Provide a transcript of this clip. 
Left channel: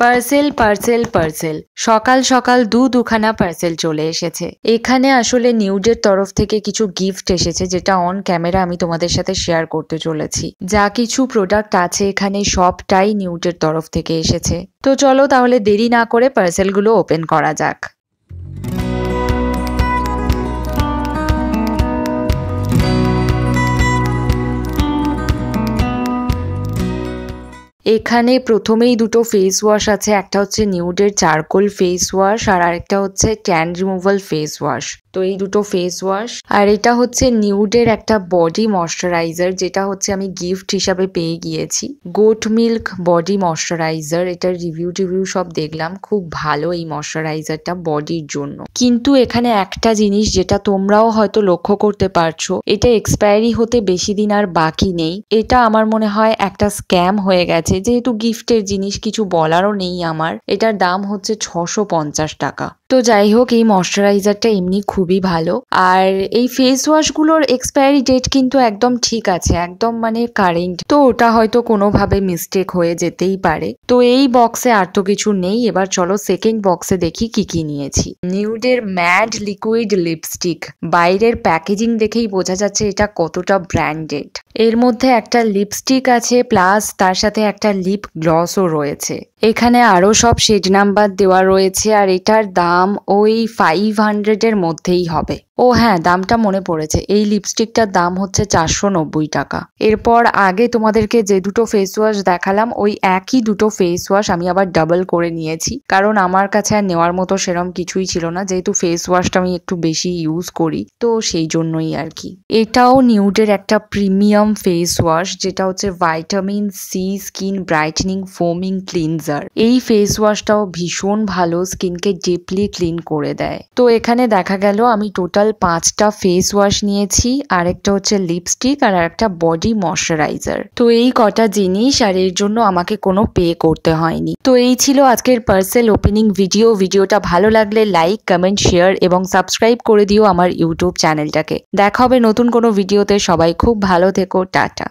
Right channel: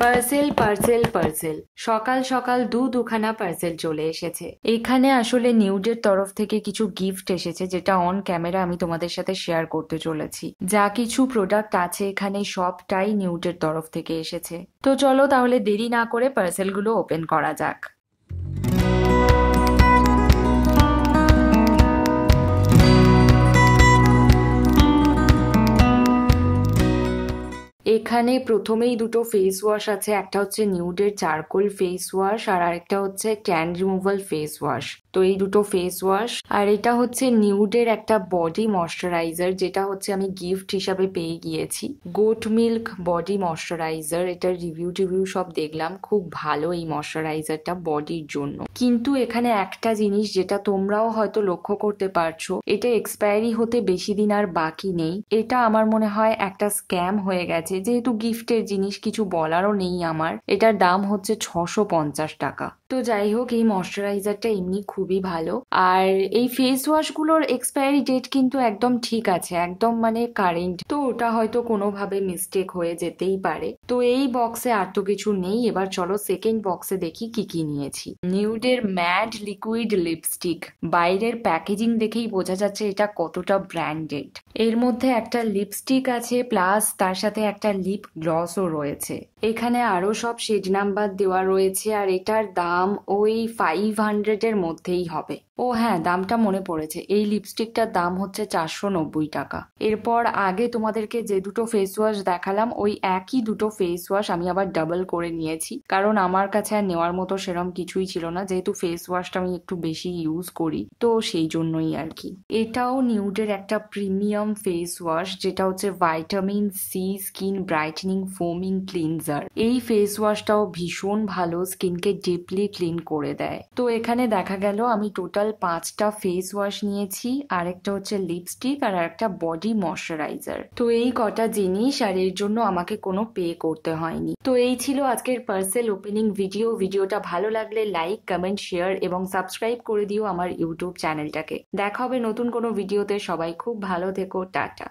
Parcel parcel parcel সকাল সকাল দুখানা পার্সেল চলে এসেছে। এখানে আসলে নিউডের তরফ থেকে কিছু গিফট এসেছে, যেটা অন ক্যামেরা আমি তোমাদের সাথে শেয়ার করতে চলেছি। যা কিছু প্রোডাক্ট আছে এখানে সবটাই নিউডের তরফ থেকে এসেছে। তো চলো তাহলে দেরি না করে পার্সেলগুলো ওপেন করা যাক। এখানে প্রথমেই দুটো ফেস ওয়াশ আছে, একটা হচ্ছে নিউডের চারকোল ফেস ওয়াশ আর আরেকটা হচ্ছে ট্যান রিমুভাল ফেস ওয়াশ। তো এই দুটো ফেস ওয়াশ, আর এটা হচ্ছে নিউডের একটা বডি ময়শ্চারাইজার, যেটা হচ্ছে আমি গিফট হিসাবে পেয়ে গিয়েছি। গোট মিল্ক বডি ময়শ্চারাইজার, এটার রিভিউ সব দেখলাম, খুব ভালো এই ময়শ্চারাইজারটা বডির জন্য। কিন্তু এখানে একটা জিনিস যেটা তোমরাও হয়তো লক্ষ্য করতে পারছো, এটা এক্সপায়ারি হতে বেশি দিন আর বাকি নেই। এটা আমার মনে হয় একটা স্ক্যাম হয়ে গেছে, যেহেতু গিফটের জিনিস কিছু বলারও নেই আমার। এটার দাম হচ্ছে 650 টাকা। তো যাই হোক, এই ময়শ্চারাইজারটা এমনি খুবই ভালো। আর এই ফেস ওয়াশগুলোর এক্সপায়ারি ডেট কিন্তু একদম ঠিক আছে, একদম মানে কারেন্ট। তো ওটা হয়তো কোনোভাবে মিস্টেক হয়ে যেতেই পারে। তো এই বক্সে আর তো কিছু নেই। এবার চলো সেকেন্ড বক্সে দেখি কি কি নিয়েছি। নিউডের ম্যাড লিকুইড লিপস্টিক, বাইরের প্যাকেজিং দেখেই বোঝা যাচ্ছে এটা কতটা ব্র্যান্ডেড। এর মধ্যে একটা লিপস্টিক আছে, প্লাস তার সাথে একটা লিপ গ্লসও রয়েছে। এখানে আরো সব শেড নাম্বার দেওয়া রয়েছে, আর এটার দাম ওই 500 এর মধ্যেই হবে। ও হ্যাঁ, দামটা মনে পড়েছে, এই লিপস্টিকটার দাম হচ্ছে 490 টাকা। এরপর আগে তোমাদেরকে যে দুটো ফেস ওয়াশ দেখালাম, ওই একই দুটো ফেস ওয়াশ আমি আবার ডাবল করে নিয়েছি, কারণ আমার কাছে আর নেওয়ার মতো সেরম কিছুই ছিল না, যেহেতু ফেস ওয়াশটা আমি একটু বেশি ইউজ করি, তো সেই জন্যই আর কি। এটাও নিউডের একটা প্রিমিয়াম ফেস ওয়াশ, যেটা হচ্ছে vitamin C skin brightening foaming cleanser. এই ফেস ওয়াশটাও ভীষণ ভালো, স্কিনকে ডিপলি ক্লিন করে দেয়। তো এখানে দেখা গেল আমি টোটাল 5টা ফেস ওয়াশ নিয়েছি, আরেকটা হচ্ছে লিপস্টিক আর একটা বডি ময়শ্চারাইজার। তো এই কটা জিনিস, আর এর জন্য আমাকে কোনো পে করতে হয়নি। তো এই ছিল আজকের পার্সেল ওপেনিং ভিডিও। ভিডিওটা ভালো লাগলে লাইক, কমেন্ট, শেয়ার এবং সাবস্ক্রাইব করে দিও আমার ইউটিউব চ্যানেলটাকে। দেখা হবে নতুন কোনো ভিডিওতে। সবাই খুব ভালো থেকো, টাটা।